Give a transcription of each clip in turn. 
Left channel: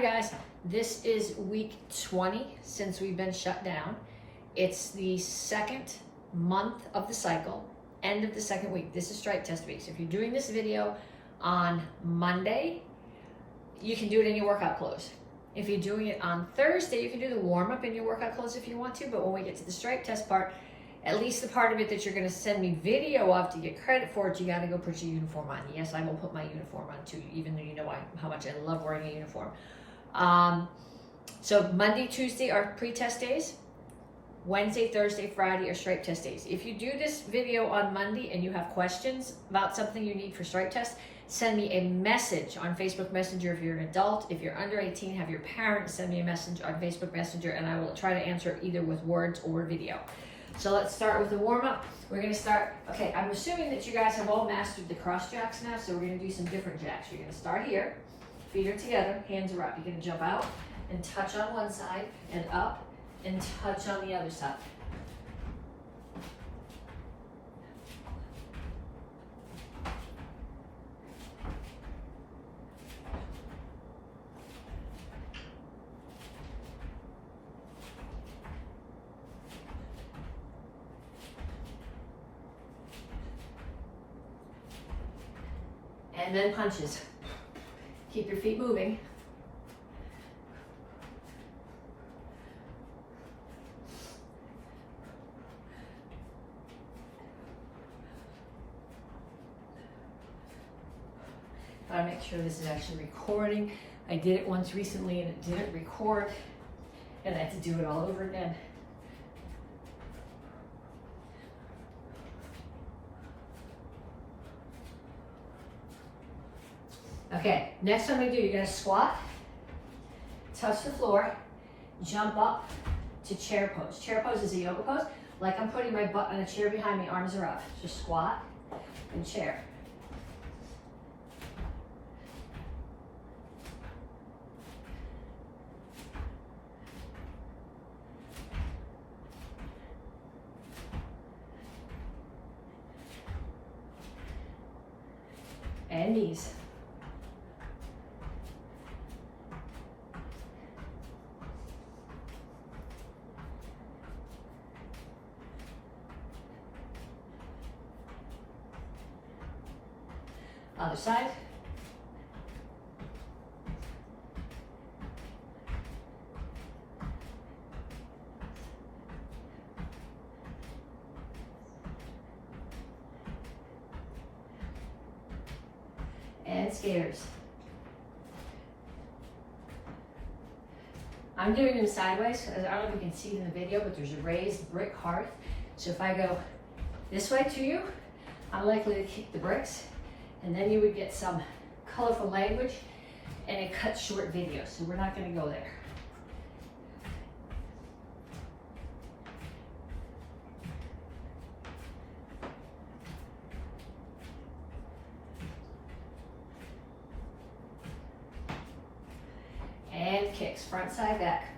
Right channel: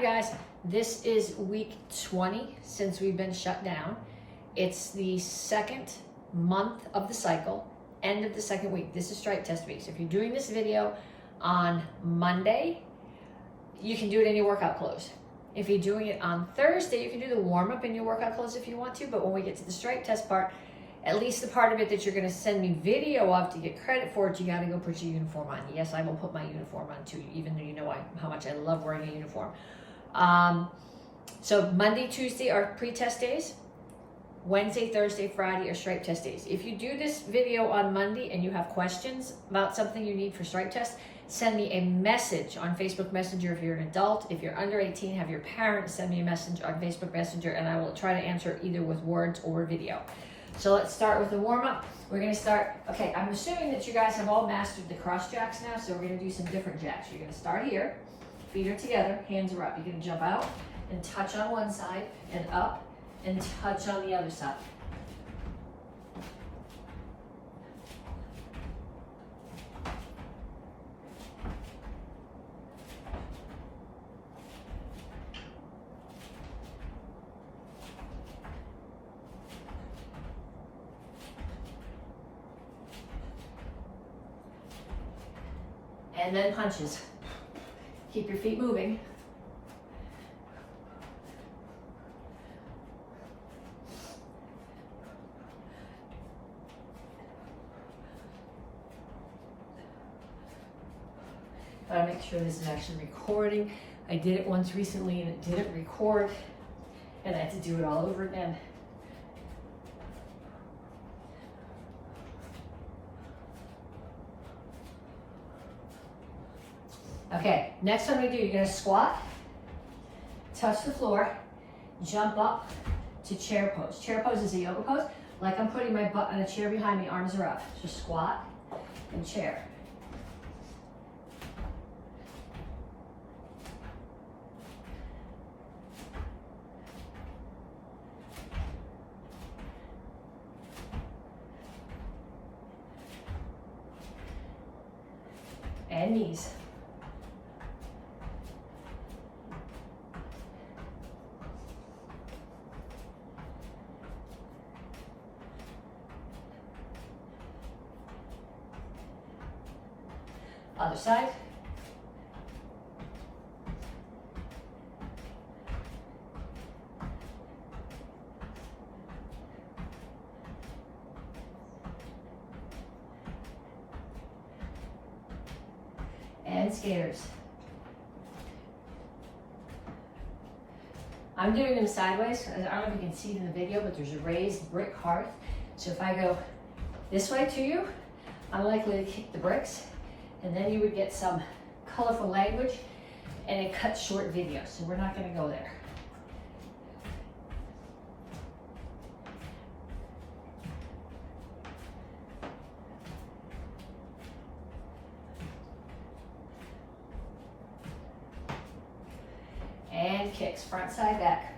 Hi guys, this is week 20 since we've been shut down. It's the second month of the cycle, end of the second week. This is strike test week. So if you're doing this video on Monday, you can do it in your workout clothes. If you're doing it on Thursday, you can do the warm up in your workout clothes if you want to, but when we get to the strike test part, at least the part of it that you're gonna send me video of to get credit for it, you gotta go put your uniform on. Yes, I will put my uniform on too, even though you know how much I love wearing a uniform. So Monday, Tuesday are pre-test days. Wednesday, Thursday, Friday are strike test days. If you do this video on Monday and you have questions about something you need for strike test, send me a message on Facebook Messenger if you're an adult. If you're under 18, have your parents send me a message on Facebook Messenger and I will try to answer either with words or video. So let's start with the warm-up. We're gonna start, okay, I'm assuming that you guys have all mastered the cross jacks now, so we're gonna do some different jacks. You're gonna start here, feet are together, hands are up. You're gonna jump out and touch on one side and up and touch on the other side. And then punches. Keep your feet moving. Gotta make sure this is actually recording. I did it once recently and it didn't record, and I had to do it all over again. Okay, next time we do, you're gonna squat, touch the floor, jump up to chair pose. Chair pose is a yoga pose. Like I'm putting my butt on a chair behind me, arms are up. Just squat and chair. And knees. Other side. And skaters. I'm doing them sideways. I don't know if you can see it in the video, but there's a raised brick hearth. So if I go this way to you, I'm likely to kick the bricks. And then you would get some colorful language and a cut short video. So we're not gonna go there. And kicks, front side, back.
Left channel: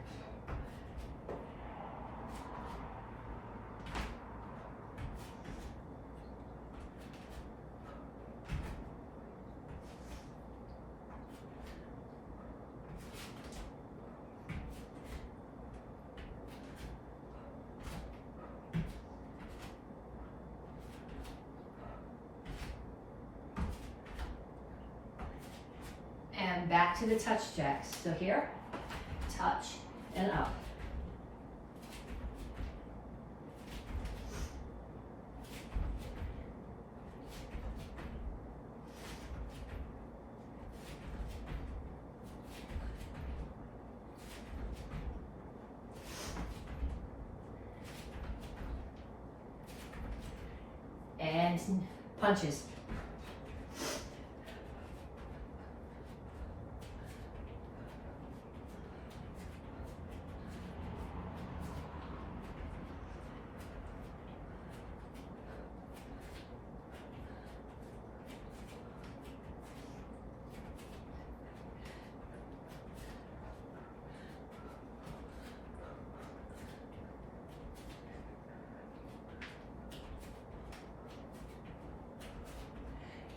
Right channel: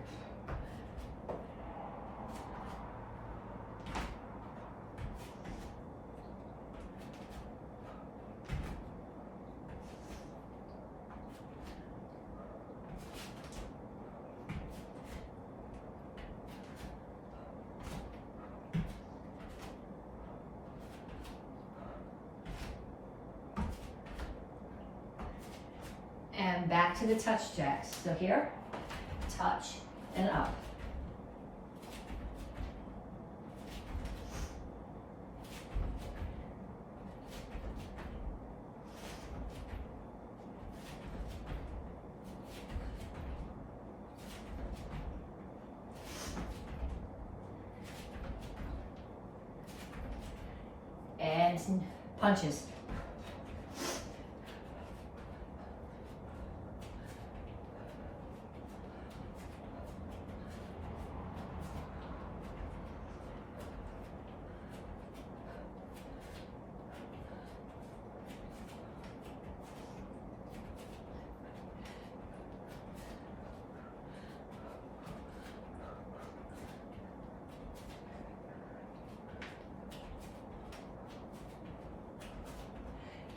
And back to the touch jacks. So here, touch and up. And punches.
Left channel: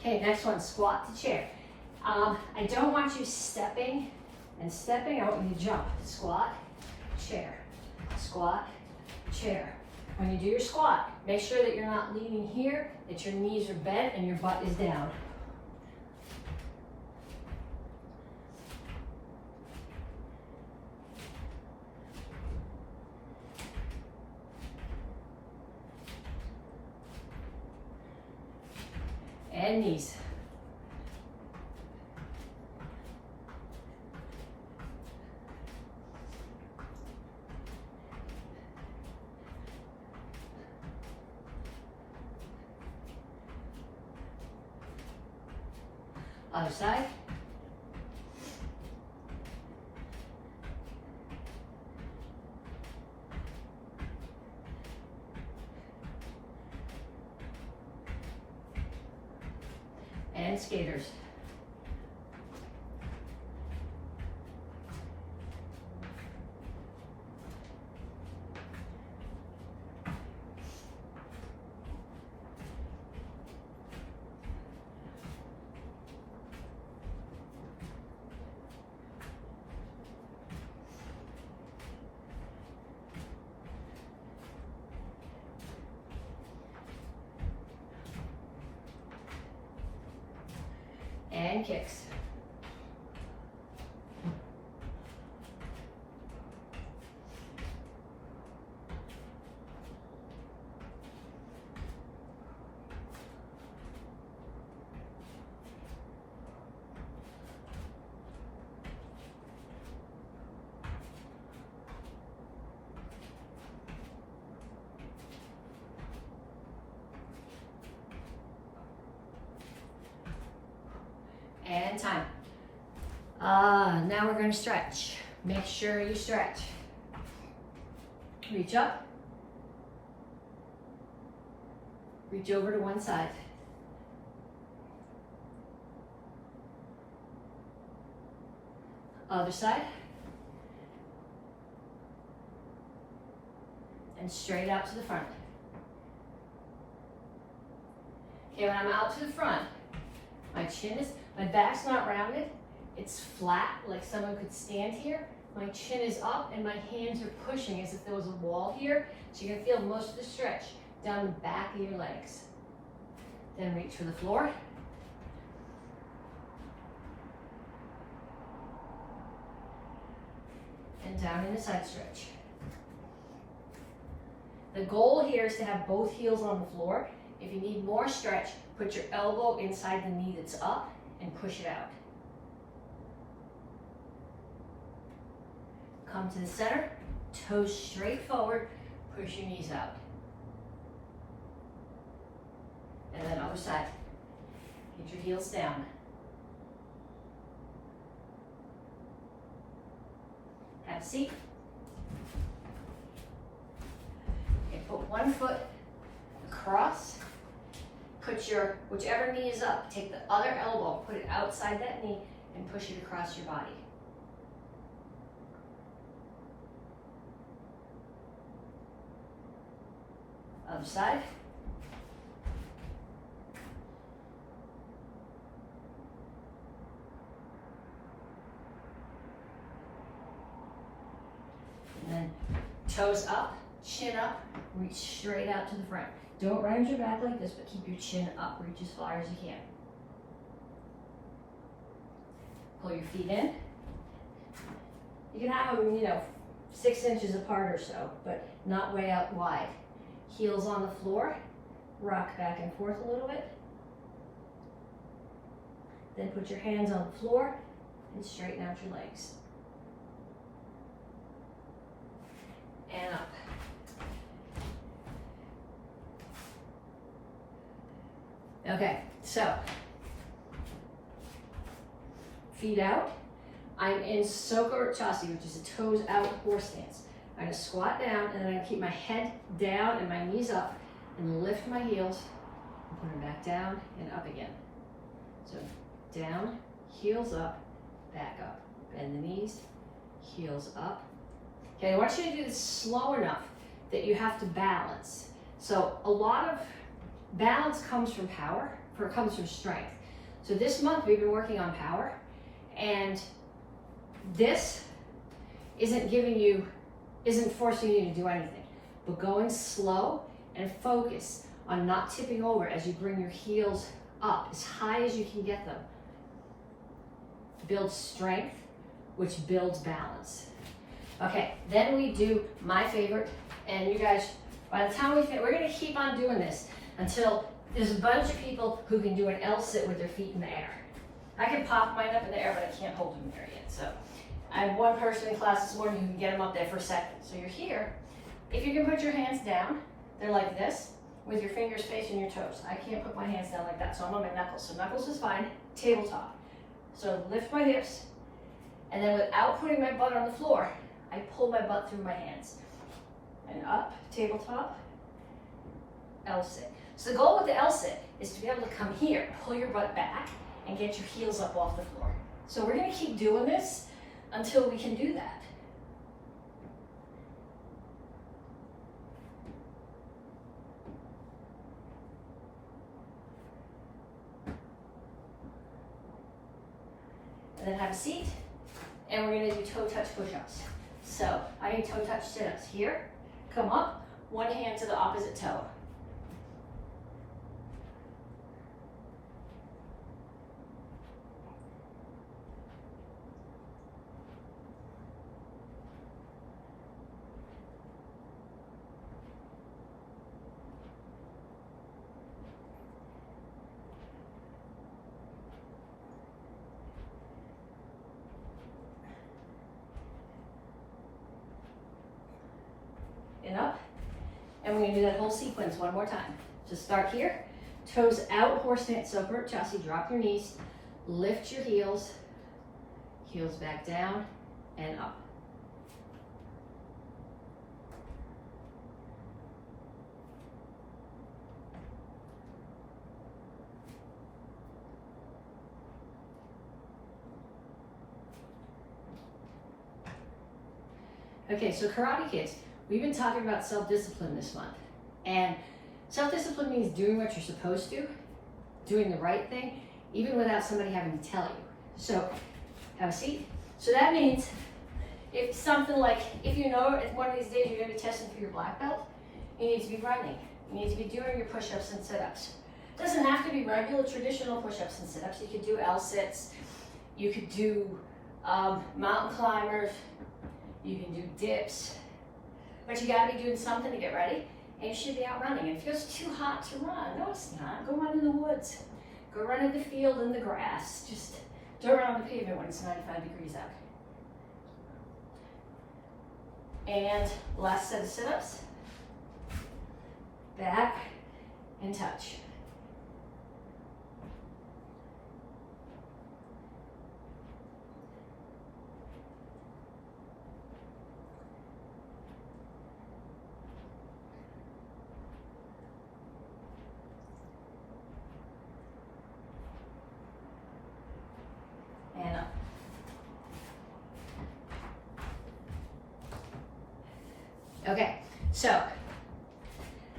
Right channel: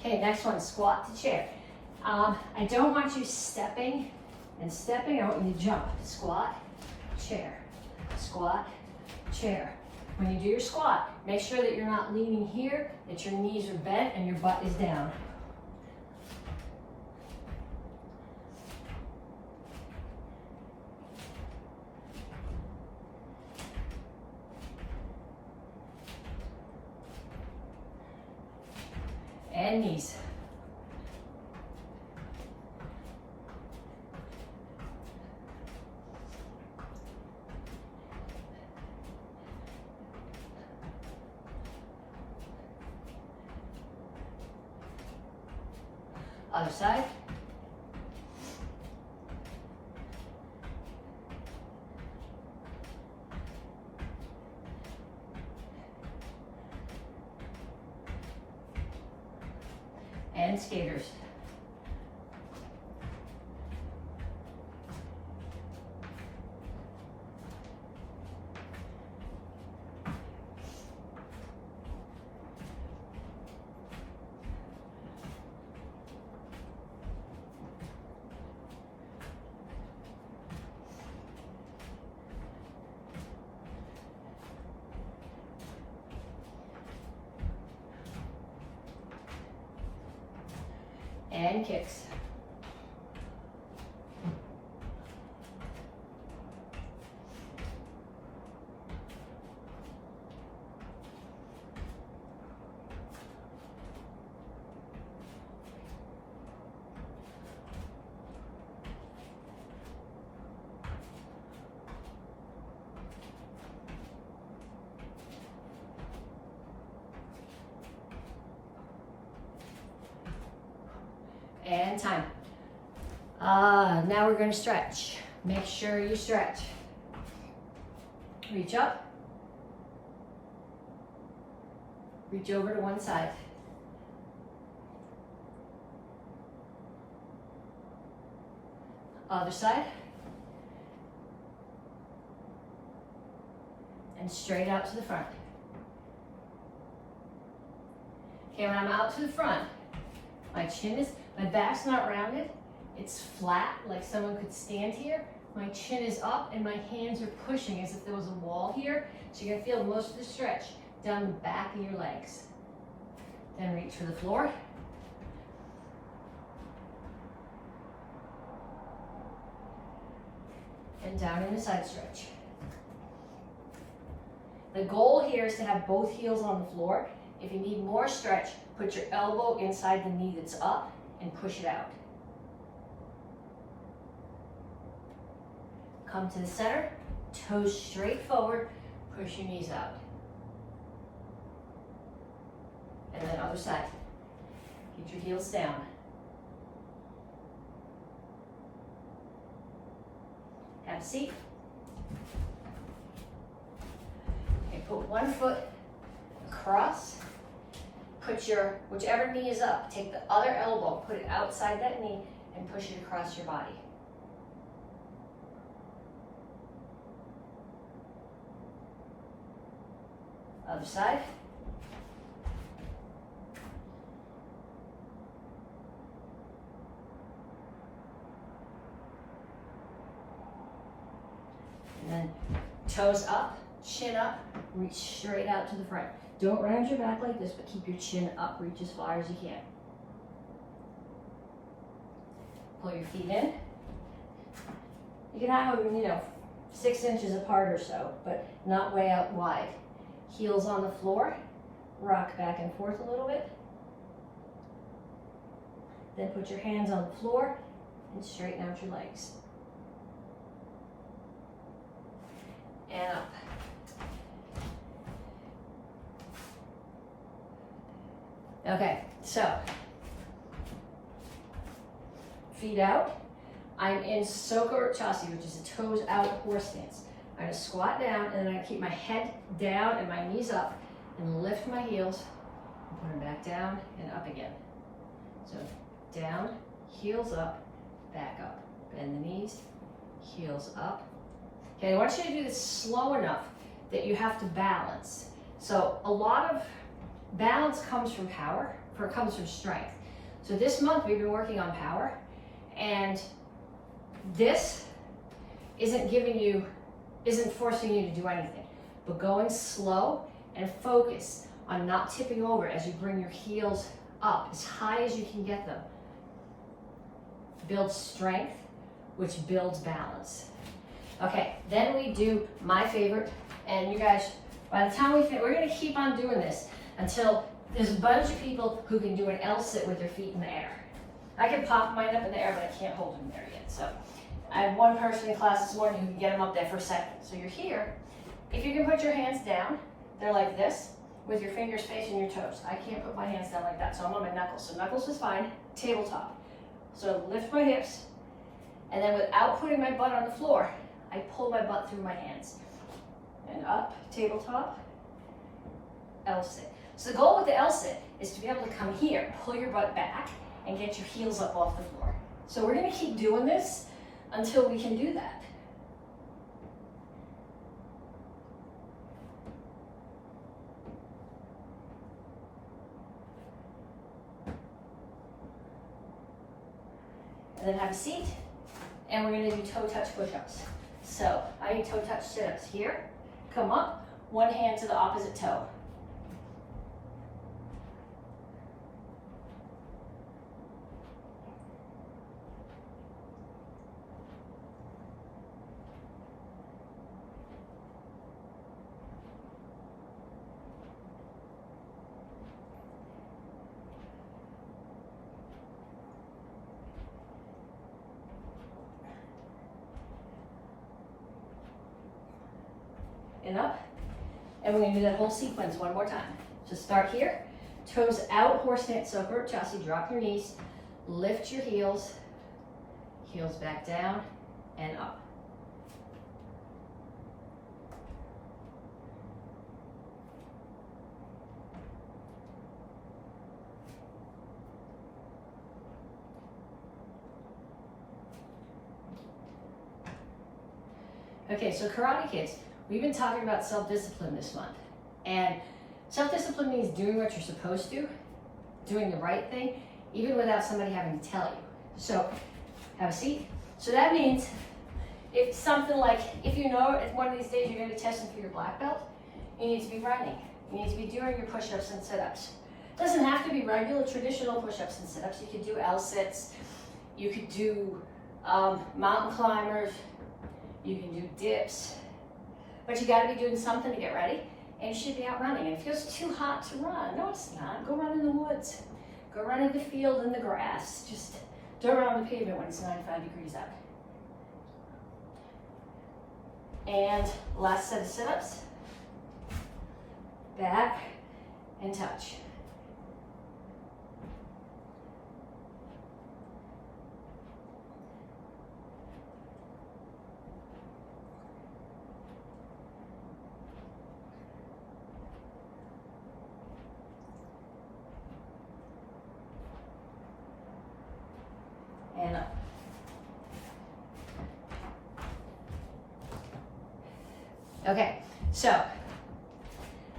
Okay, next one, squat to chair. I don't want you stepping and stepping out when you jump. Squat, chair, squat, chair. When you do your squat, make sure that you're not leaning here, that your knees are bent and your butt is down. And knees. Other side. And skaters. And kicks. And time. Now we're going to stretch. Make sure you stretch. Reach up. Reach over to one side. Other side. And straight out to the front. Okay, when I'm out to the front, my back's not rounded, it's flat, like someone could stand here. My chin is up and my hands are pushing as if there was a wall here. So you're gonna feel most of the stretch down the back of your legs. Then reach for the floor. And down in a side stretch. The goal here is to have both heels on the floor. If you need more stretch, put your elbow inside the knee that's up and push it out. Come to the center, toes straight forward, push your knees out. And then other side. Get your heels down. Have a seat. Okay, put one foot across. Put your, whichever knee is up, take the other elbow, put it outside that knee, and push it across your body. Other side. And then toes up, chin up, reach straight out to the front. Don't round your back like this, but keep your chin up, reach as far as you can. Pull your feet in. You can have them, 6 inches apart or so, but not way out wide. Heels on the floor, rock back and forth a little bit. Then put your hands on the floor and straighten out your legs. And up. Okay, so feet out. I'm in Soko Chasi, which is a toes out horse stance. I'm gonna squat down and then I'm gonna keep my head down and my knees up and lift my heels and put them back down and up again. So down, heels up, back up. Bend the knees, heels up. Okay, I want you to do this slow enough that you have to balance. So a lot of balance comes from power, comes from strength. So this month we've been working on power, and this isn't forcing you to do anything, but going slow and focus on not tipping over as you bring your heels up as high as you can get them. Build strength, which builds balance. Okay, then we do my favorite, and you guys, by the time we're gonna keep on doing this until there's a bunch of people who can do an L sit with their feet in the air. I can pop mine up in the air, but I can't hold them there yet. So I have one person in class this morning who can get them up there for a second. So you're here. If you can put your hands down, they're like this, with your fingers facing your toes. I can't put my hands down like that, so I'm on my knuckles. So knuckles is fine, tabletop. So lift my hips, and then without putting my butt on the floor, I pull my butt through my hands. And up, tabletop, L sit. So the goal with the L sit is to be able to come here, pull your butt back, and get your heels up off the floor. So we're gonna keep doing this until we can do that. And then have a seat, and we're gonna do toe touch push-ups. So I do toe touch sit-ups here, come up, one hand to the opposite toe. And up, and we're gonna do that whole sequence one more time. So start here, toes out, horse stance, so Chassi, drop your knees, lift your heels, heels back down and up. Okay, so Karate Kids, we've been talking about self-discipline this month. And self-discipline means doing what you're supposed to, doing the right thing, even without somebody having to tell you. So, have a seat. So that means if something like, if you know if one of these days you're gonna be testing for your black belt, you need to be running. You need to be doing your push-ups and sit-ups. It doesn't have to be regular, traditional push-ups and sit-ups. You could do L-sits, you could do mountain climbers, you can do dips, but you gotta be doing something to get ready, and you should be out running. And if it's too hot to run, no it's not, go run in the woods. Go run in the field in the grass. Just don't run on the pavement when it's 95 degrees out. And last set of sit-ups. Back and touch. And up. Okay, so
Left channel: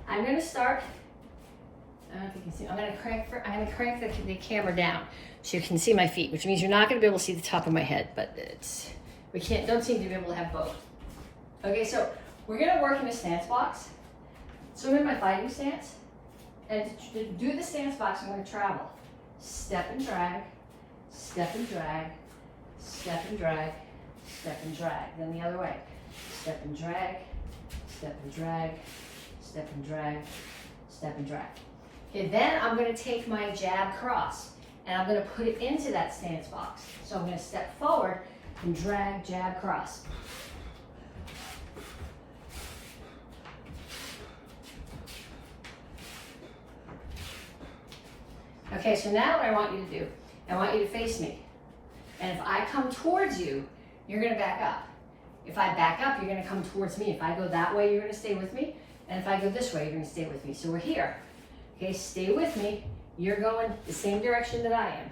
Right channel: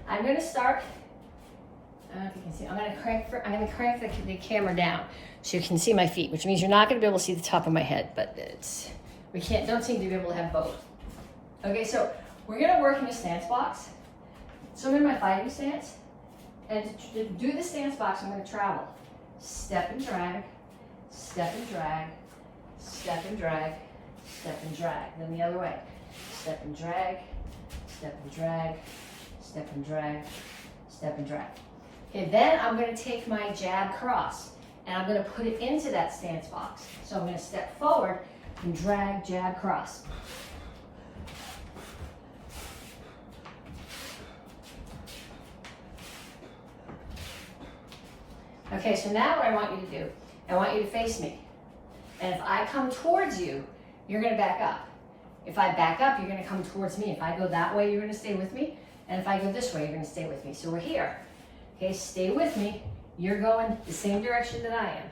I'm going to start. I don't know if you can see. I'm going to crank the camera down so you can see my feet, which means you're not going to be able to see the top of my head, but don't seem to be able to have both. Okay, so we're going to work in a stance box. So I'm in my fighting stance, and to do the stance box, I'm going to travel. Step and drag, step and drag, step and drag, step and drag. Then the other way. Step and drag, step and drag, step and drag, step and drag. Okay, then I'm going to take my jab cross and I'm going to put it into that stance box. So I'm going to step forward and drag jab cross. Okay, so now what I want you to do, I want you to face me. And if I come towards you, you're going to back up. If I back up, you're going to come towards me. If I go that way, you're going to stay with me. And if I go this way, you're going to stay with me. So we're here. Okay, stay with me. You're going the same direction that I am.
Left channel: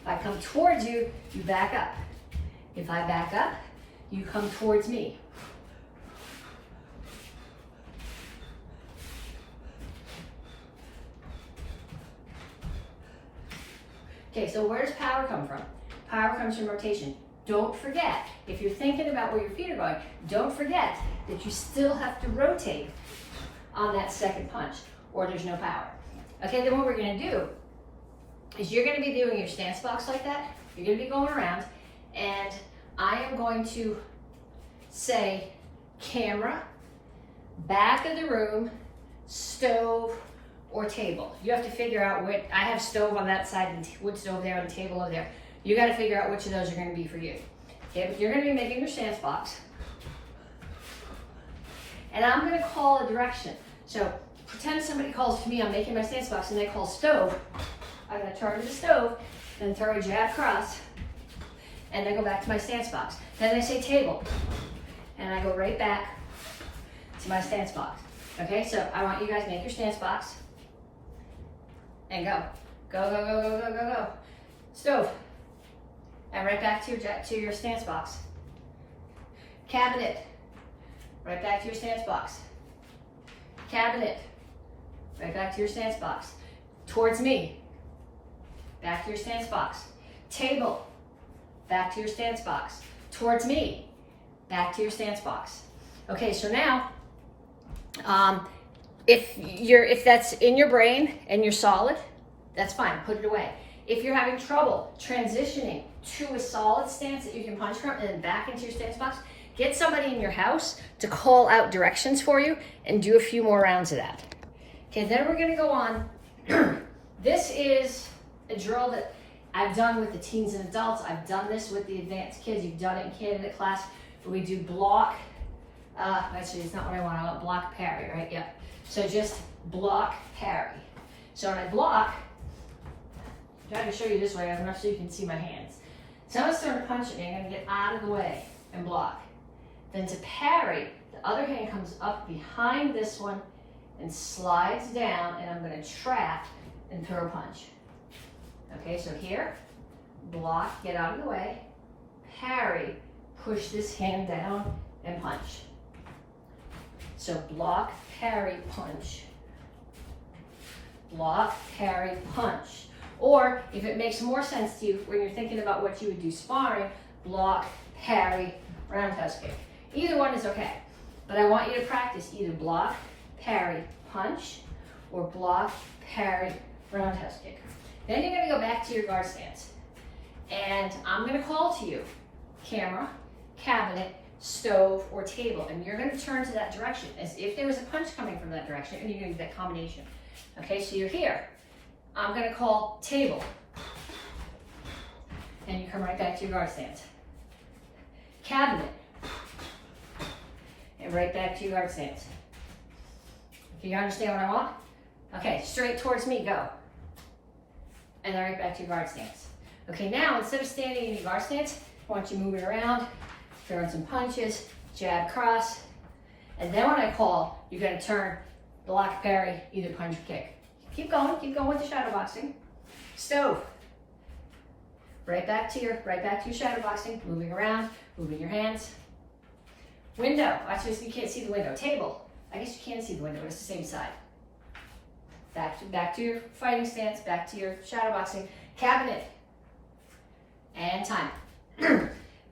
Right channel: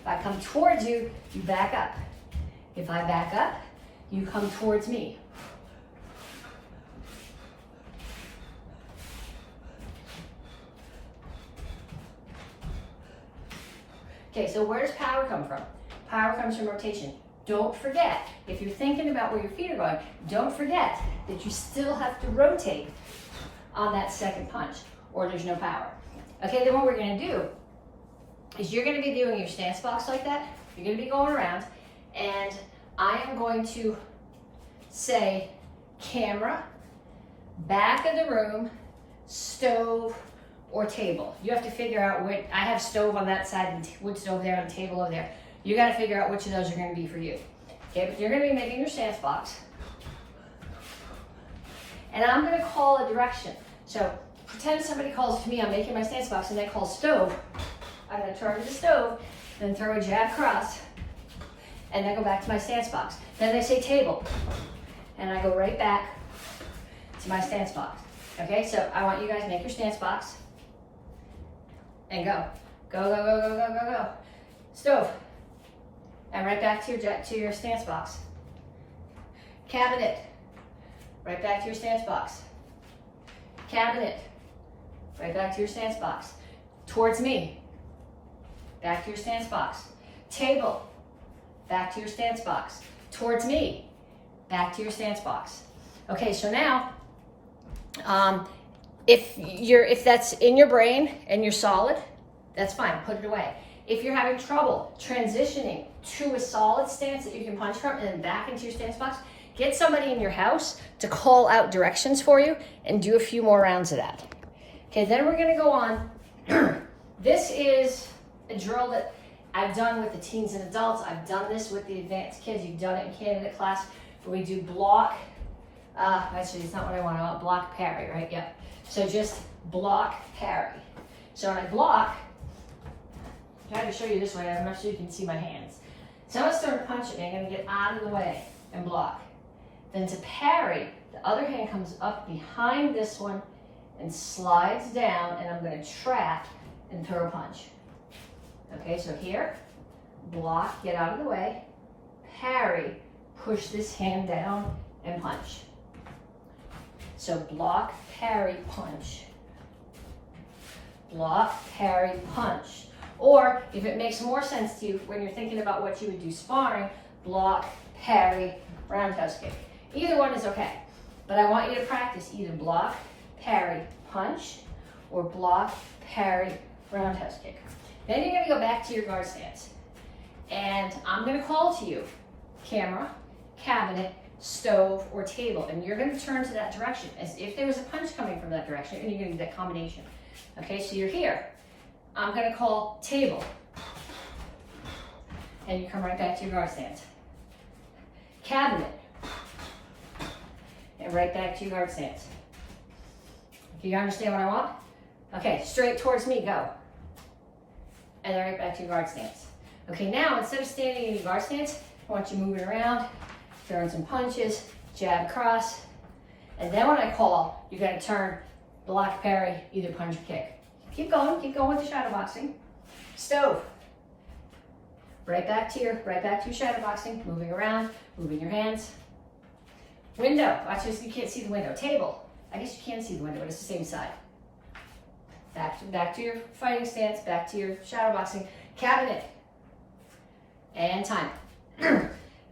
If I come towards you, you back up. If I back up, you come towards me. Okay, so where does power come from? Power comes from rotation. Don't forget, if you're thinking about where your feet are going, don't forget that you still have to rotate on that second punch or there's no power. Okay, then what we're gonna do is you're gonna be doing your stance box like that. You're gonna be going around and I am going to say camera, back of the room, stove, or table. You have to figure out which, I have stove on that side and wood stove there and the table over there. You got to figure out which of those are going to be for you. Okay, but you're going to be making your stance box. And I'm going to call a direction. So pretend somebody calls to me, I'm making my stance box, and they call stove. I'm going to target the stove, then throw a jab cross, and then go back to my stance box. Then they say table, and I go right back to my stance box. Okay, so I want you guys to make your stance box and go. Go, go, go, go, go, go, go. Stove. And right back to your stance box. Cabinet. Right back to your stance box. Cabinet. Right back to your stance box. Towards me. Back to your stance box. Table. Back to your stance box. Towards me. Back to your stance box. Okay, so now, if that's in your brain and you're solid, that's fine, put it away. If you're having trouble transitioning to a solid stance that you can punch from and then back into your stance box, get somebody in your house to call out directions for you and do a few more rounds of that. Okay, then we're gonna go on. This is a drill that I've done with the teens and adults. I've done this with the advanced kids. You've done it in candidate class where we do block. Actually, it's not what I want block parry, right? Yep. So just block parry. So when I block, I'm trying to show you this way. I'm not sure you can see my hands. Someone's throwing a punch at me. I'm going to get out of the way and block. Then to parry, the other hand comes up behind this one and slides down, and I'm going to trap and throw a punch. Okay, so here, block, get out of the way, parry, push this hand down and punch. So block, parry, punch. Block, parry, punch. Or if it makes more sense to you when you're thinking about what you would do sparring, block, parry, roundhouse kick. Either one is okay. But I want you to practice either block, parry, punch, or block, parry, roundhouse kick. Then you're gonna go back to your guard stance. And I'm gonna call to you, camera, cabinet, stove, or table. And you're gonna turn to that direction as if there was a punch coming from that direction, and you're gonna do that combination. Okay, so you're here. I'm gonna call table. And you come right back to your guard stance. Cabinet. And right back to your guard stance. Do you understand what I want? Okay, straight towards me, go. And then right back to your guard stance. Okay, now instead of standing in your guard stance, I want you moving around, throwing some punches, jab, cross. And then when I call, you're gonna turn, block, parry, either punch or kick. Keep going with the shadow boxing. Stove. Right back to your shadow boxing, moving around, moving your hands. Window, watch this, you can't see the window. Table, I guess you can see the window, it's the same side. Back to your fighting stance, back to your shadow boxing. Cabinet. And time.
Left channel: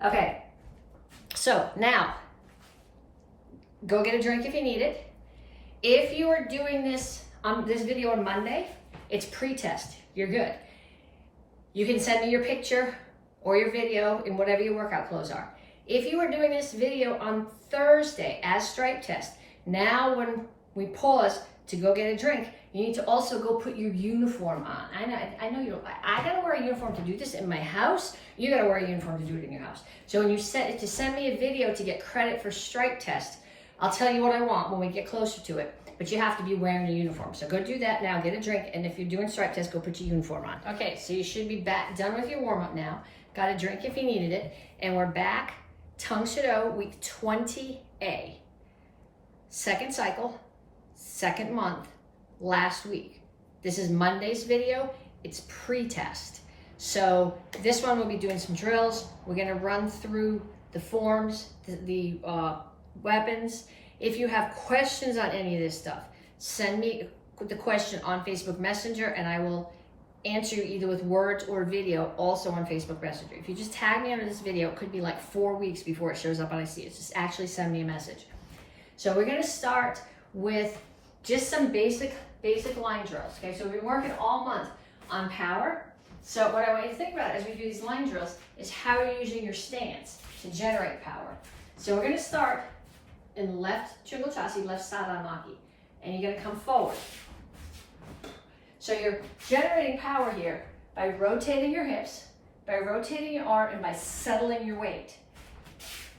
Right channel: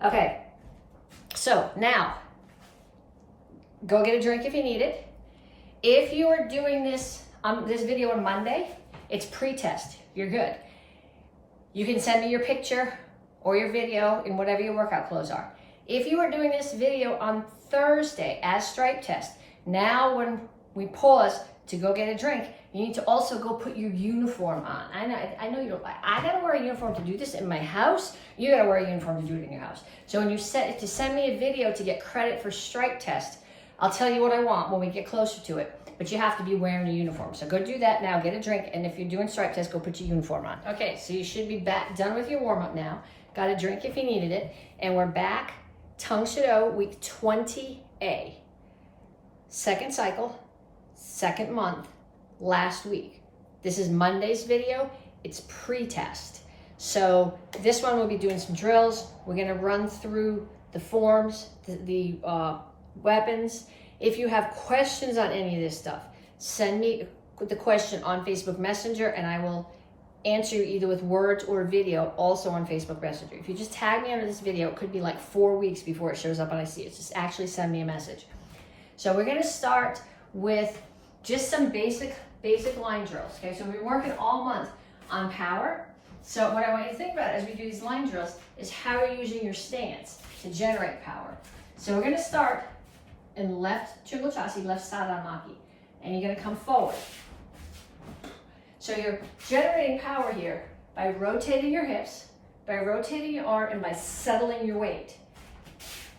Okay, so now, go get a drink if you need it. If you are doing this video on Monday, it's pre-test, you're good. You can send me your picture or your video in whatever your workout clothes are. If you are doing this video on Thursday as stripe test, now when we pause to go get a drink, you need to also go put your uniform on. I know you don't, I gotta wear a uniform to do this in my house. You gotta wear a uniform to do it in your house. So when you send me a video to get credit for stripe test, I'll tell you what I want when we get closer to it, but you have to be wearing a uniform. So go do that now, get a drink, and if you're doing stripe test, go put your uniform on. Okay, so you should be done with your warm up now. Got a drink if you needed it, and we're back. Tang Soo Do, week 20A. Second cycle, second month, last week. This is Monday's video, it's pre-test. So this one we'll be doing some drills. We're gonna run through the forms, the weapons. If you have questions on any of this stuff, send me the question on Facebook Messenger and I will answer you either with words or video, also on Facebook Messenger. If you just tag me under this video, it could be like 4 weeks before it shows up and I see it. Just actually send me a message. So we're gonna start with just some basic line drills, okay? So we've been working all month on power. So what I want you to think about as we do these line drills is how you're using your stance to generate power. So we're gonna start in left Chungo Chassi, left Sadan Maki, and you're gonna come forward. So you're generating power here by rotating your hips, by rotating your arm, and by settling your weight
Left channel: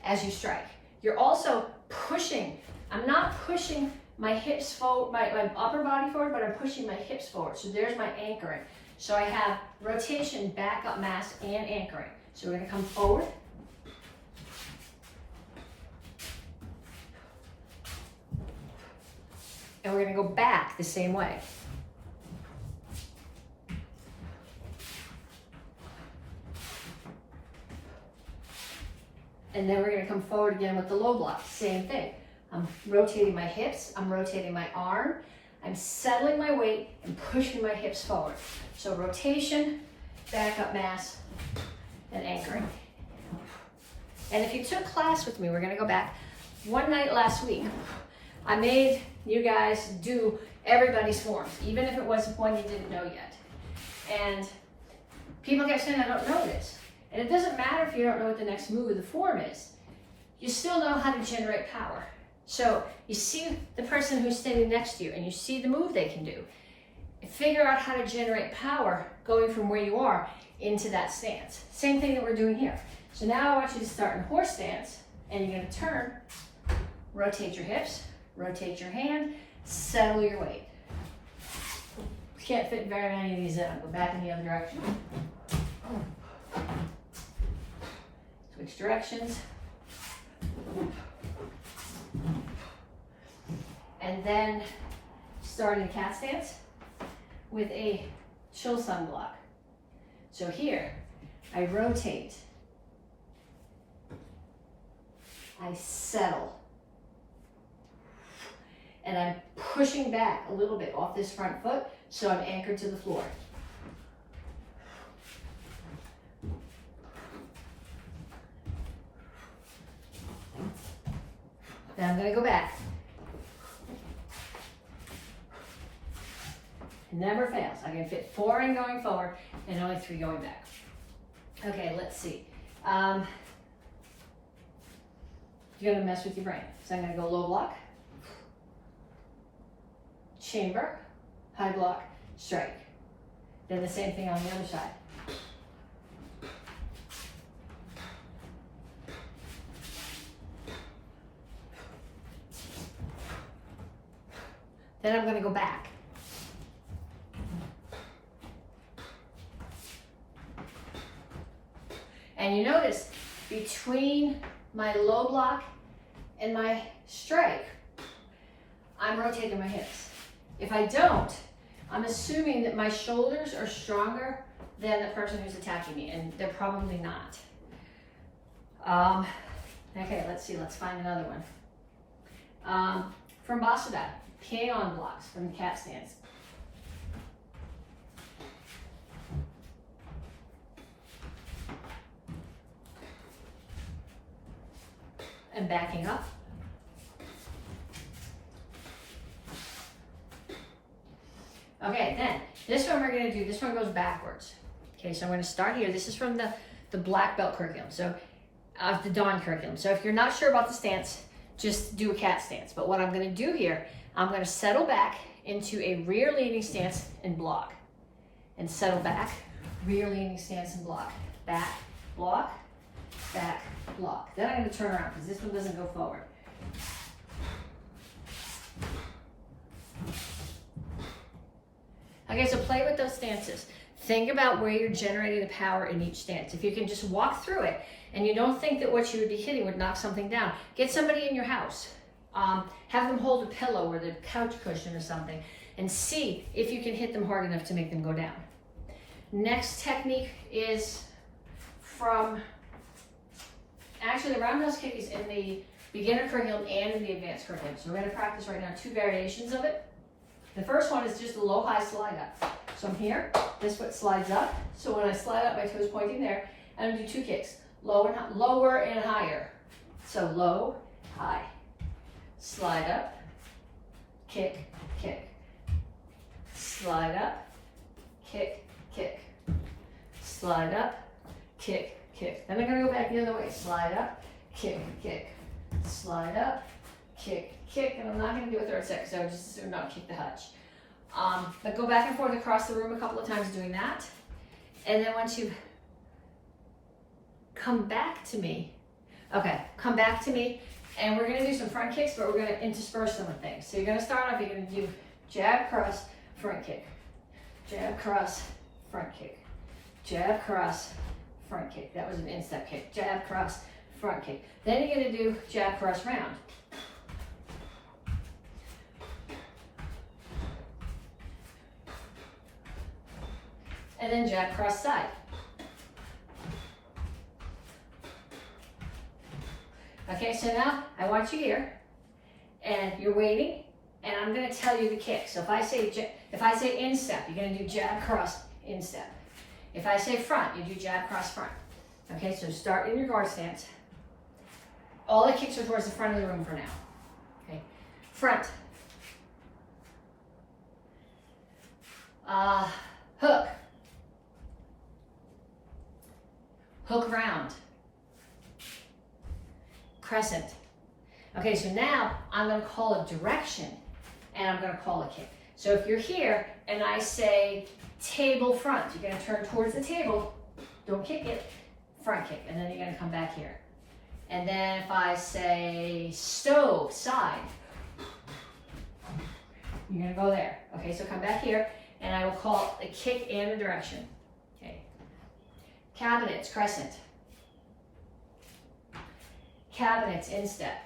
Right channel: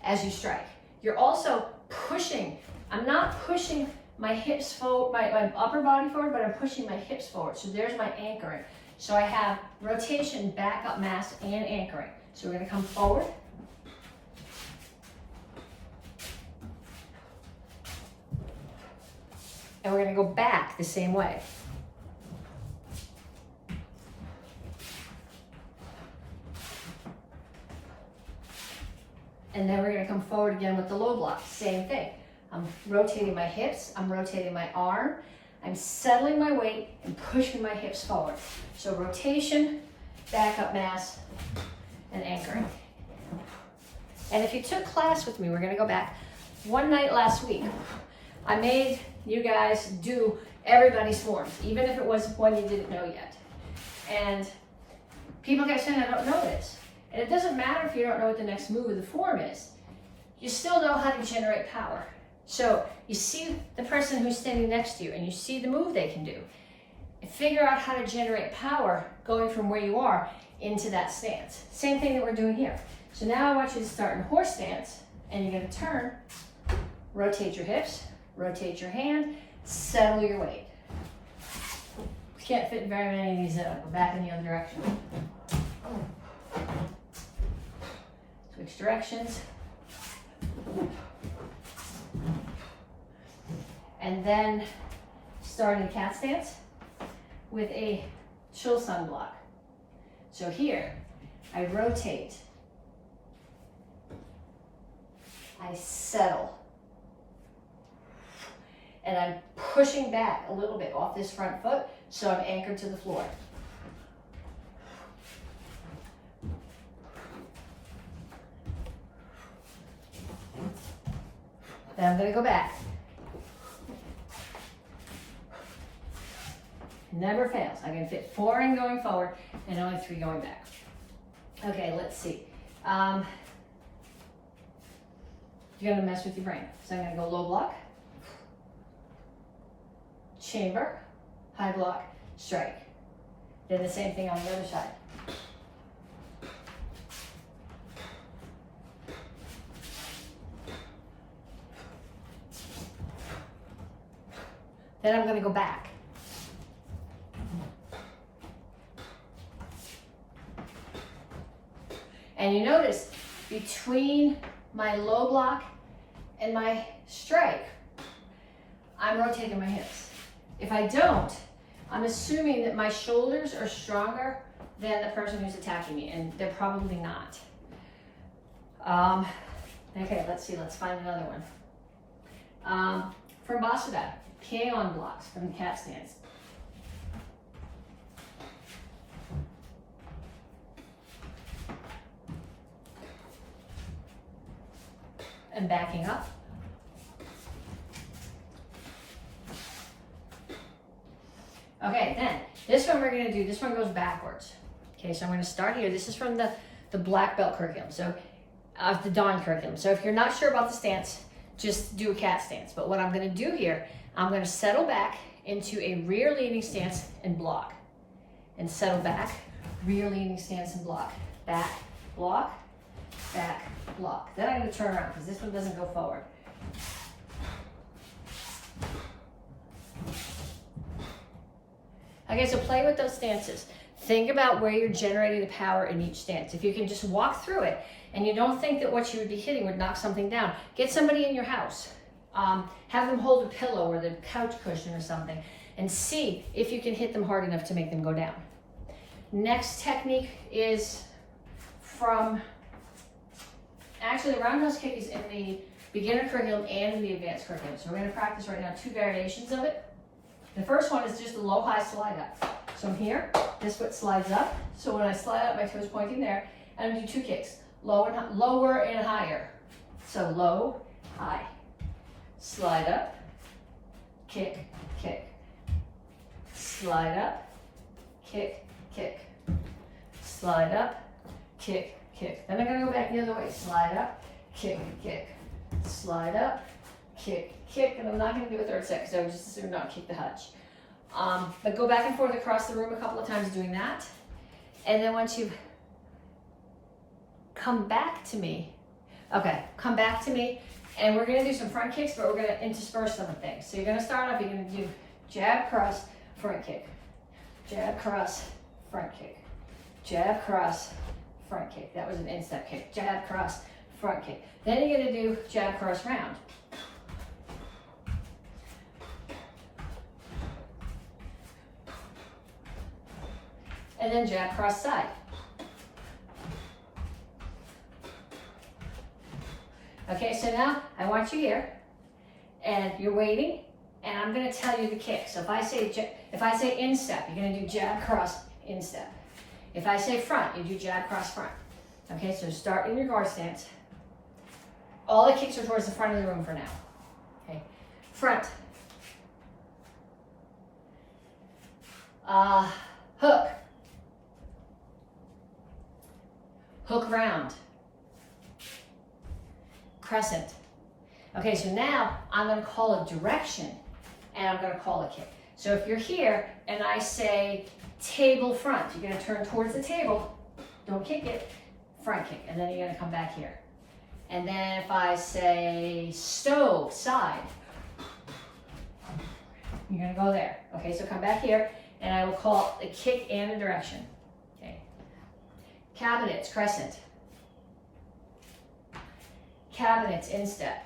as you strike. You're also pushing. I'm not pushing my hips forward, my upper body forward, but I'm pushing my hips forward. So there's my anchoring. So I have rotation, back up mass, and anchoring. So we're gonna come forward. And we're gonna go back the same way. And then we're gonna come forward again with the low block, same thing. I'm rotating my hips, I'm rotating my arm, I'm settling my weight and pushing my hips forward. So rotation, back up mass, and anchoring. And if you took class with me, we're gonna go back one night last week. I made you guys do everybody's forms, even if it was one you didn't know yet. And people kept saying, I don't know this. And it doesn't matter if you don't know what the next move of the form is. You still know how to generate power. So you see the person who's standing next to you and you see the move they can do. And figure out how to generate power going from where you are into that stance. Same thing that we're doing here. So now I want you to start in horse stance and you're gonna turn, rotate your hips, rotate your hand, settle your weight. You can't fit very many of these in. I'll go back in the other direction. Switch directions. And then start in cat stance with a Chulsung block. So here, I rotate, I settle, and I'm pushing back a little bit off this front foot so I'm anchored to the floor. Then I'm gonna go back. Never fails. I can fit 4 in going forward and only 3 going back. Okay, let's see. You're gonna mess with your brain. So I'm gonna go low block, chamber, high block, strike. Then the same thing on the other side. Then I'm gonna go back. And you notice between my low block and my strike, I'm rotating my hips. If I don't, I'm assuming that my shoulders are stronger than the person who's attacking me, and they're probably not. Okay, let's see, let's find another one. From Basudai, Pied-on blocks from the cat stance. And backing up. Okay, then this one we're gonna do, this one goes backwards. Okay, so I'm gonna start here. This is from the black belt curriculum, so the Dawn curriculum. So if you're not sure about the stance, just do a cat stance. But what I'm gonna do here, I'm gonna settle back into a rear leaning stance and block. And settle back, rear leaning stance and block. Back, block, back, block. Then I'm gonna turn around because this one doesn't go forward. Okay, so play with those stances. Think about where you're generating the power in each stance. If you can just walk through it and you don't think that what you would be hitting would knock something down, get somebody in your house. Have them hold a pillow or the couch cushion or something and see if you can hit them hard enough to make them go down. Next technique is from, actually the Roundhouse Kick is in the beginner curriculum and in the advanced curriculum. So we're gonna practice right now 2 variations of it. The first one is just a low, high slide up. So I'm here, this foot slides up. So when I slide up, my toe is pointing there. And I'm gonna do 2 kicks, lower and higher. So low, high, slide up, kick, kick, slide up, kick, kick, slide up, kick, kick. Then I'm gonna go back the other way, slide up, kick, kick, slide up, kick, kick, and I'm not gonna do a third set because I would just assume not kick the hutch. But go back and forth across the room a couple of times doing that. And then once you come back to me, come back to me, and we're gonna do some front kicks, but we're gonna intersperse some things. So you're gonna start off, you're gonna do jab, cross, front kick, jab, cross, front kick, jab, cross, front kick. That was an instep kick, jab, cross, front kick. Then you're gonna do jab, cross, round. And then jab, cross, side. Okay, so now I want you here, and you're waiting, and I'm gonna tell you the kick. So if I say instep, you're gonna do jab, cross, instep. If I say front, you do jab, cross, front. Okay, so start in your guard stance. All the kicks are towards the front of the room for now. Okay, front. Hook. Hook round. Crescent. Okay, so now I'm going to call a direction and I'm going to call a kick. So if you're here and I say table front, you're going to turn towards the table, don't kick it, front kick, and then you're going to come back here. And then if I say stove, side, you're going to go there. Okay, so come back here and I will call a kick and a direction. Okay. Cabinets, crescent. Cabinets, instep.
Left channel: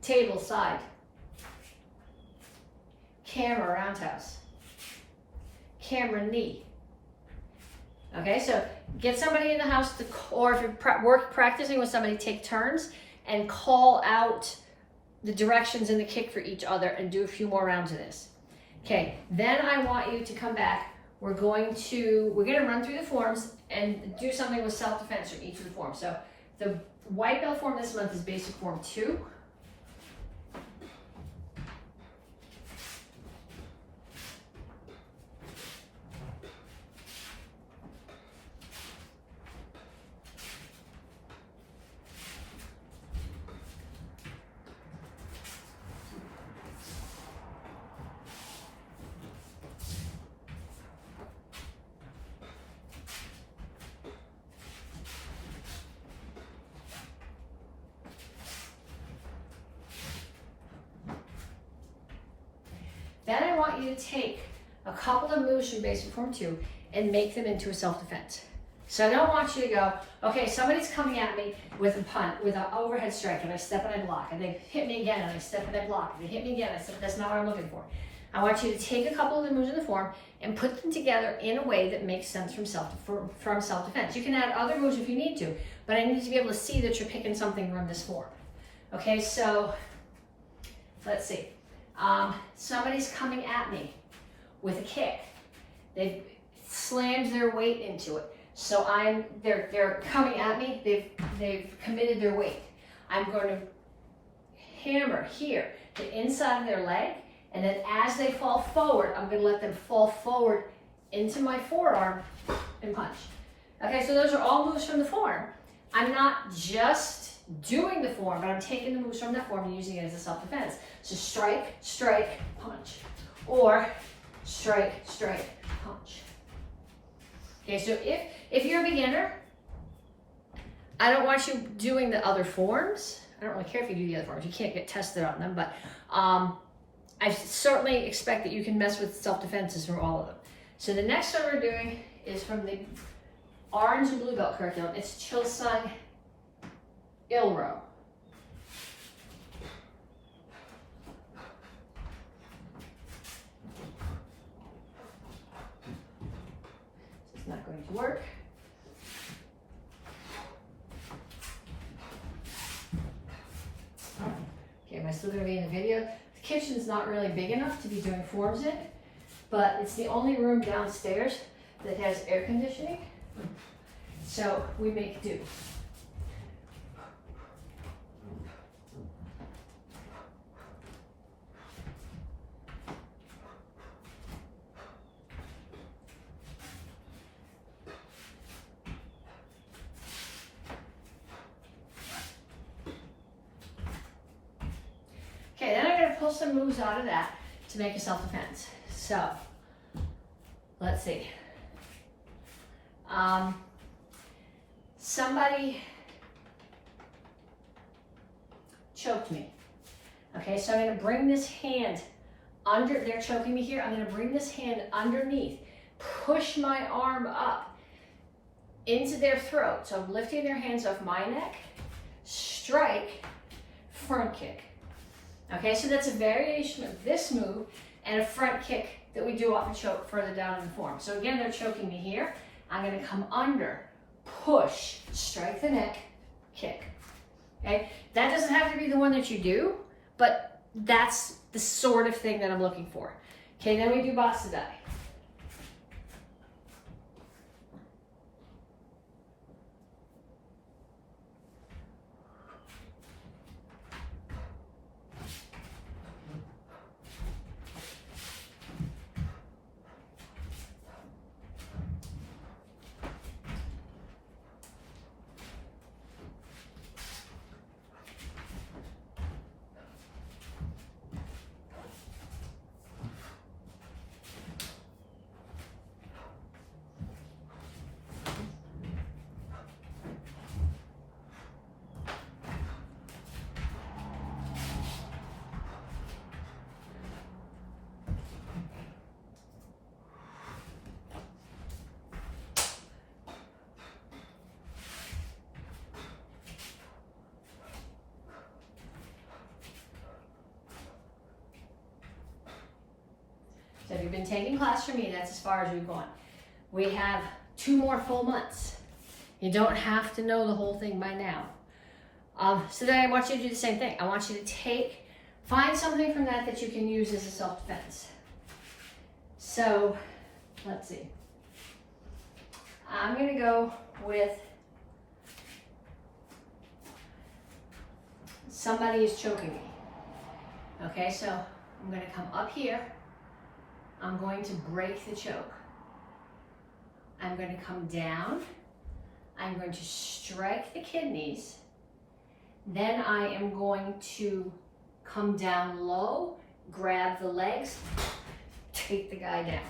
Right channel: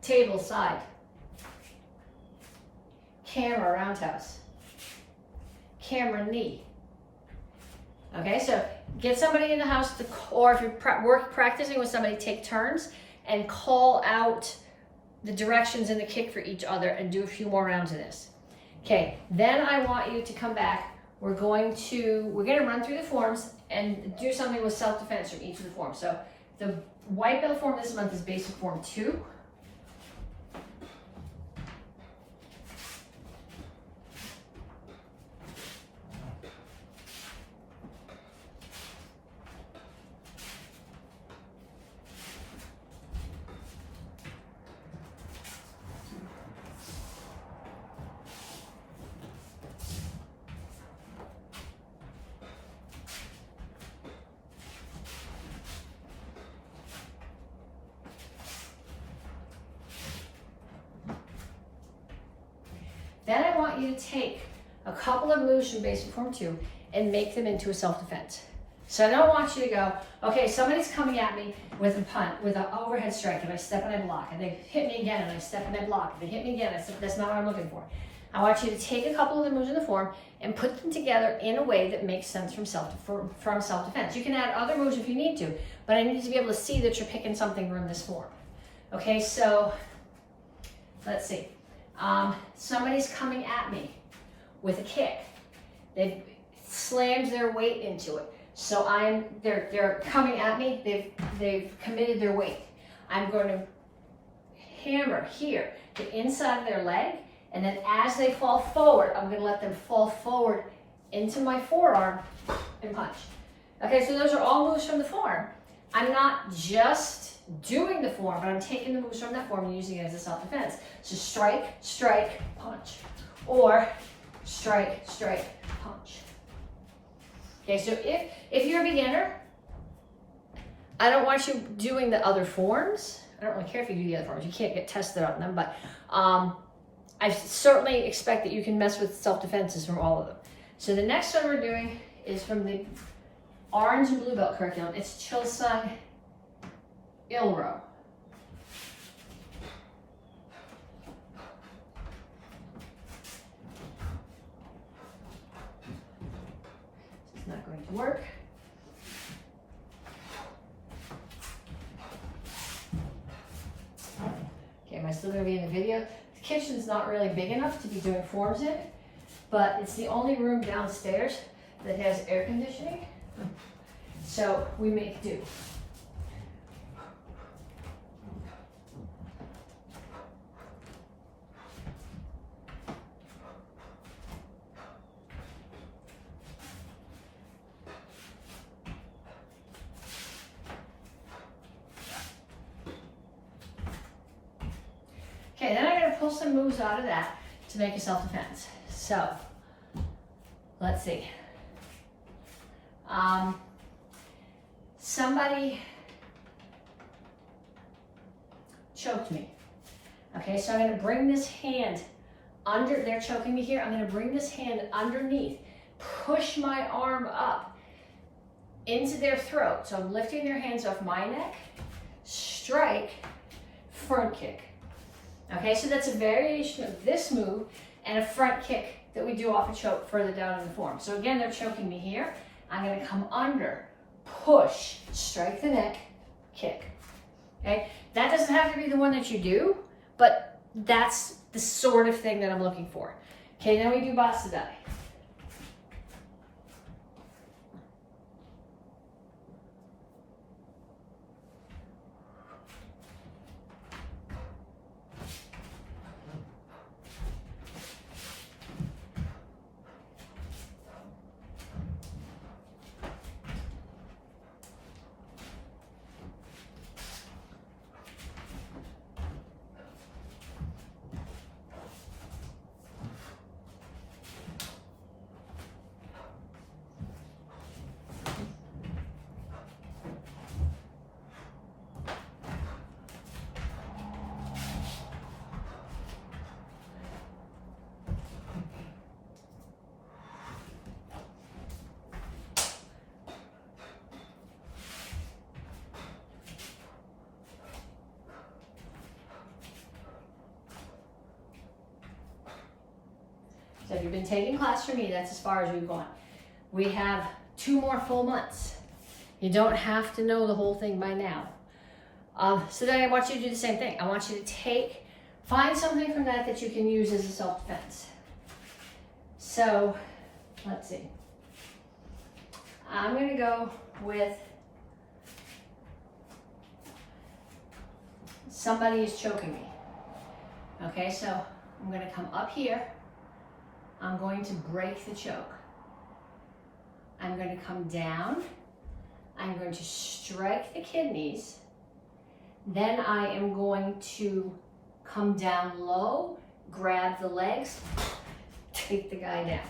Table, side. Camera, roundhouse. Camera, knee. Okay, so get somebody in the house, or if you're practicing with somebody, take turns and call out the directions in the kick for each other and do a few more rounds of this. Okay, then I want you to come back. We're gonna run through the forms and do something with self-defense from each of the forms. So the white belt form this month is basic form 2. Then I want you to take a couple of moves from basic form 2 and make them into a self-defense. So I don't want you to go, okay, somebody's coming at me with a punt, with an overhead strike, and I step and I block, and they hit me again, and I step and I block, and they hit me again, I step. That's not what I'm looking for. I want you to take a couple of the moves in the form and put them together in a way that makes sense from self-defense. You can add other moves if you need to, but I need to be able to see that you're picking something from this form. Okay, so let's see. Somebody's coming at me with a kick. They've slammed their weight into it. So they're coming at me, they've committed their weight. I'm going to hammer here, the inside of their leg, and then as they fall forward, I'm going to let them fall forward into my forearm and punch. Okay, so those are all moves from the form. I'm not just doing the form, but I'm taking the moves from that form and using it as a self-defense. So strike, strike, punch. Or strike, strike, punch. Okay, so if you're a beginner, I don't want you doing the other forms. I don't really care if you do the other forms. You can't get tested on them, but I certainly expect that you can mess with self-defenses from all of them. So the next one we're doing is from the orange and blue belt curriculum. It's Chilsung Ilro. It's not going to work. Okay, am I still going to be in the video? kitchen's not really big enough to be doing forms in, but it's the only room downstairs that has air conditioning. So we make do. Okay, then I'm going to pull some moves out of that to make a self-defense. So, let's see. Somebody choked me. Okay, so I'm going to bring this hand under, they're choking me here. I'm going to bring this hand underneath, push my arm up into their throat. So I'm lifting their hands off my neck, strike, front kick. Okay, so that's a variation of this move and a front kick that we do off a choke further down in the form. So again, they're choking me here. I'm going to come under, push, strike the neck, kick. Okay, that doesn't have to be the one that you do, but that's the sort of thing that I'm looking for. Okay, then we do Basadai. So if you've been taking class from me, that's as far as we've gone. We have 2 more full months. You don't have to know the whole thing by now. So then I want you to do the same thing. I want you to find something from that that you can use as a self-defense. So, let's see. I'm gonna go with somebody is choking me. Okay, so I'm gonna come up here. I'm going to break the choke. I'm going to come down. I'm going to strike the kidneys. Then I am going to come down low, grab the legs, take the guy down.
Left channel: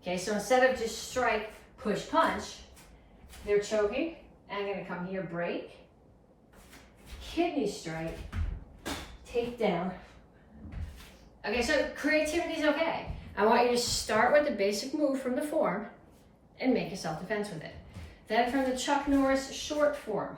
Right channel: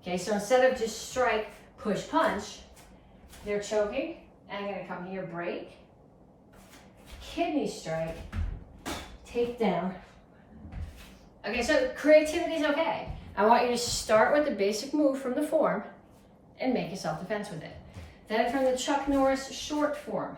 Okay, so instead of just strike, push, punch, they're choking. I'm going to come here, break, kidney strike, take down. Okay, so creativity is okay. I want you to start with the basic move from the form and make a self-defense with it. Then from the Chuck Norris short form.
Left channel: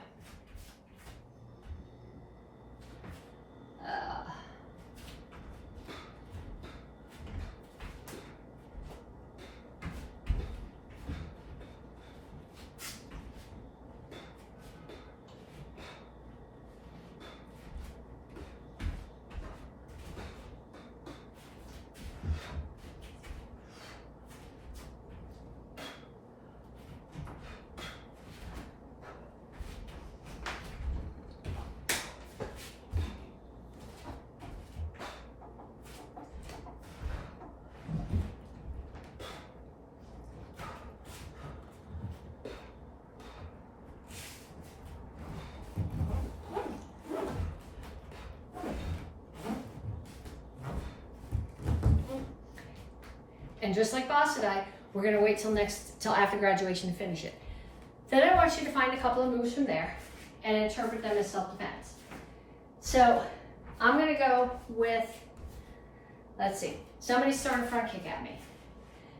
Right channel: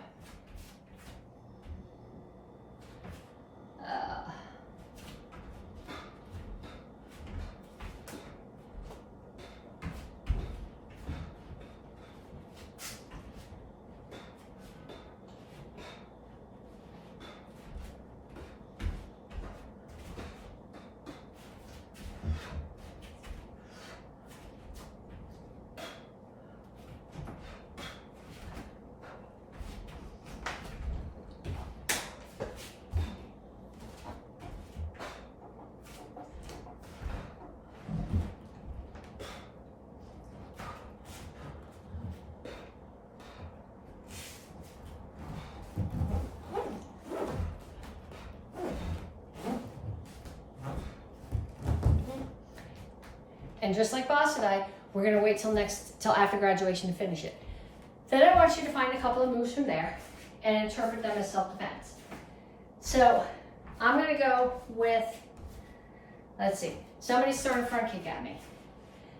And just like Basadai, we're gonna wait till after graduation to finish it. Then I want you to find a couple of moves from there and interpret them as self-defense. So I'm gonna go with, let's see, somebody's throwing a front kick at me.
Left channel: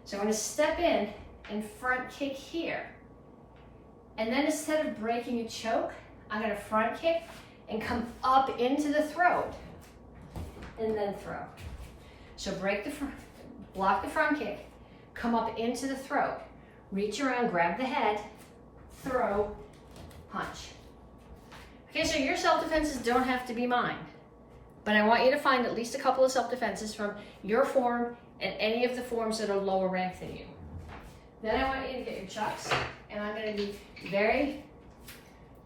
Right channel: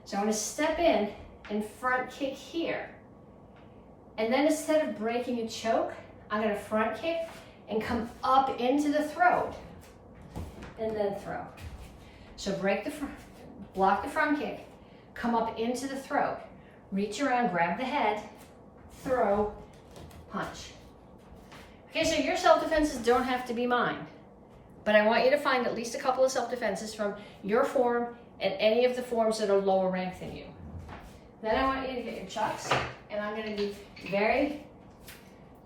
So I'm gonna step in and front kick here. And then instead of breaking a choke, I'm gonna front kick and come up into the throat and then throw. So break the front, block the front kick, come up into the throat, reach around, grab the head, throw, punch. Okay, so your self-defenses don't have to be mine. But I want you to find at least a couple of self-defenses from your form and any of the forms that are lower ranked than you. Then I want you to get your chucks, and I'm going to be very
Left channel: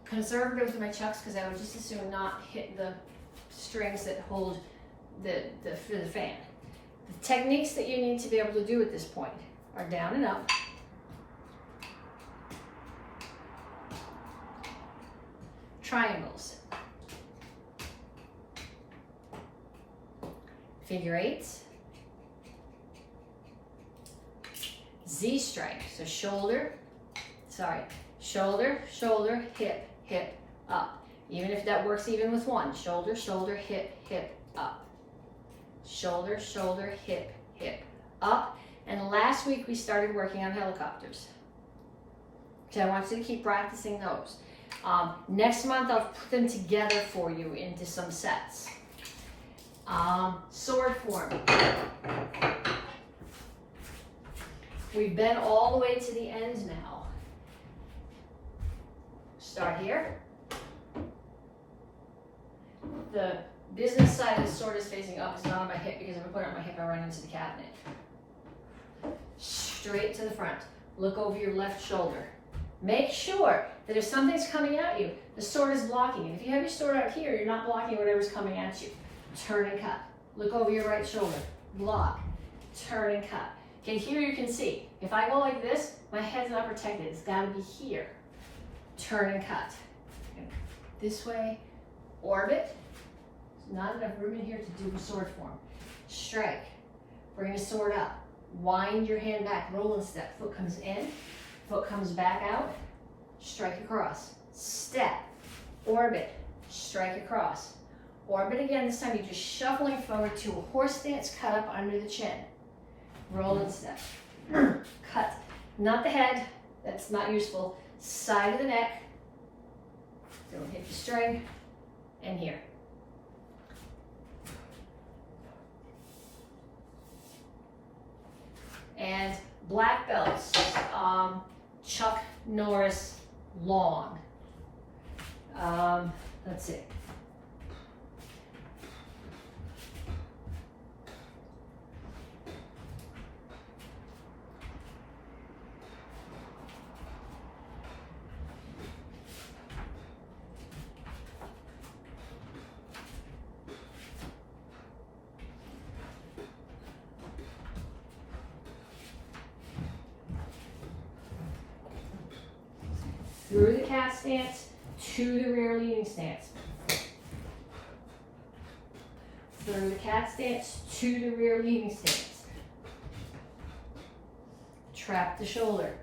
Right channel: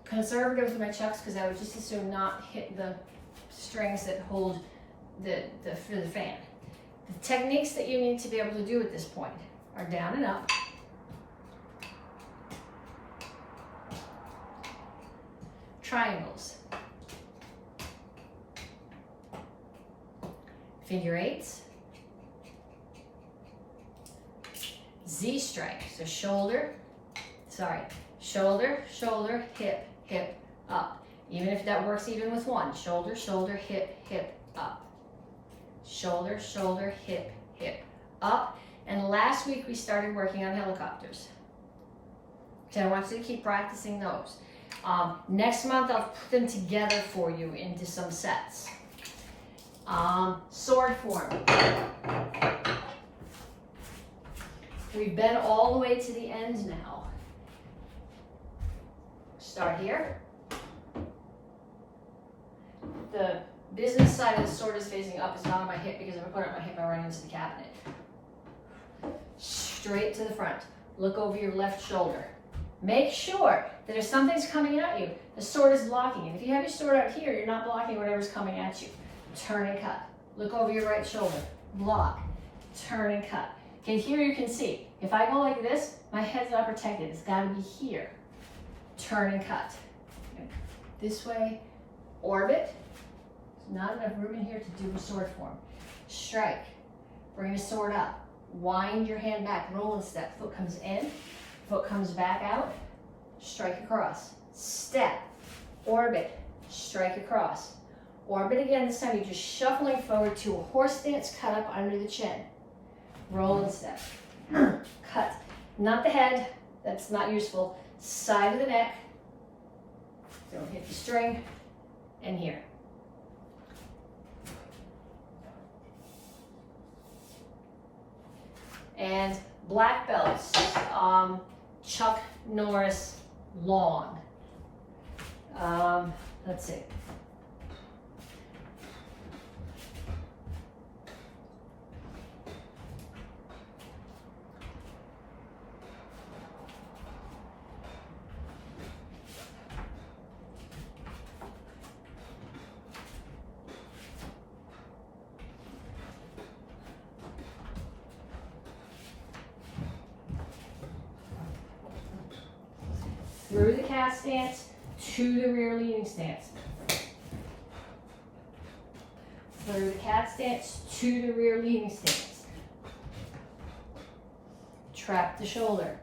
conservative with my chucks because I would just as soon not hit the strings that hold the fan. The techniques that you need to be able to do at this point are down and up, triangles, figure eights, Z strike, so shoulder, shoulder, hip, hip, up. Even if that works even with one, shoulder, shoulder, hip, hip, up. Shoulder, shoulder, hip, hip, up. And last week we started working on helicopters. So I want you to keep practicing those. Next month I'll put them together for you into some sets. Sword form. We've been all the way to the end now. Start here. The business side of the sword is facing up. It's not on my hip because if I put it on my hip, I run into the cabinet. Straight to the front. Look over your left shoulder. Make sure that if something's coming at you, the sword is blocking. And if you have your sword out here, you're not blocking whatever's coming at you. Turn and cut. Look over your right shoulder. Block. Turn and cut. Okay, here you can see. If I go like this, my head's not protected. It's got to be here. Turn and cut. This way. Orbit. There's not enough room in here to do a sword form. Strike. Bring the sword up. Wind your hand back. Roll and step. Foot comes in. Foot comes back out. Strike across. Step. Orbit. Strike across. Orbit again. This time you're just shuffling forward to a horse stance cut up under the chin. Roll and step. Cut. Not the head. That's not useful. Side of the neck. Don't hit the string. And here. And black belts. Chuck Norris long. Let's see. Through the cat stance to the rear leaning stance. Through the cat stance to the rear leaning stance. Trap the shoulder.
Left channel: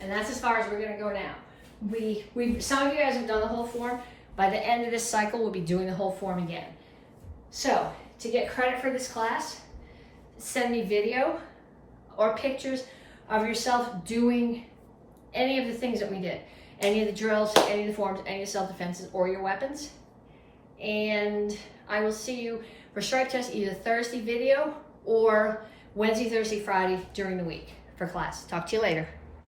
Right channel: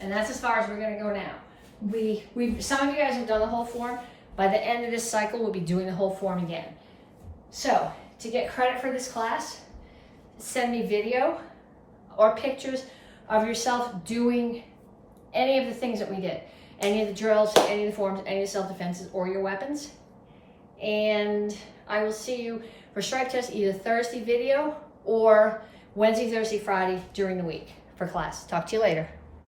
And that's as far as we're going to go now. Some of you guys have done the whole form. By the end of this cycle, we'll be doing the whole form again. So, to get credit for this class, send me video or pictures of yourself doing any of the things that we did. Any of the drills, any of the forms, any of the self-defenses, or your weapons. And I will see you for stripe test either Thursday video or Wednesday, Thursday, Friday during the week for class. Talk to you later.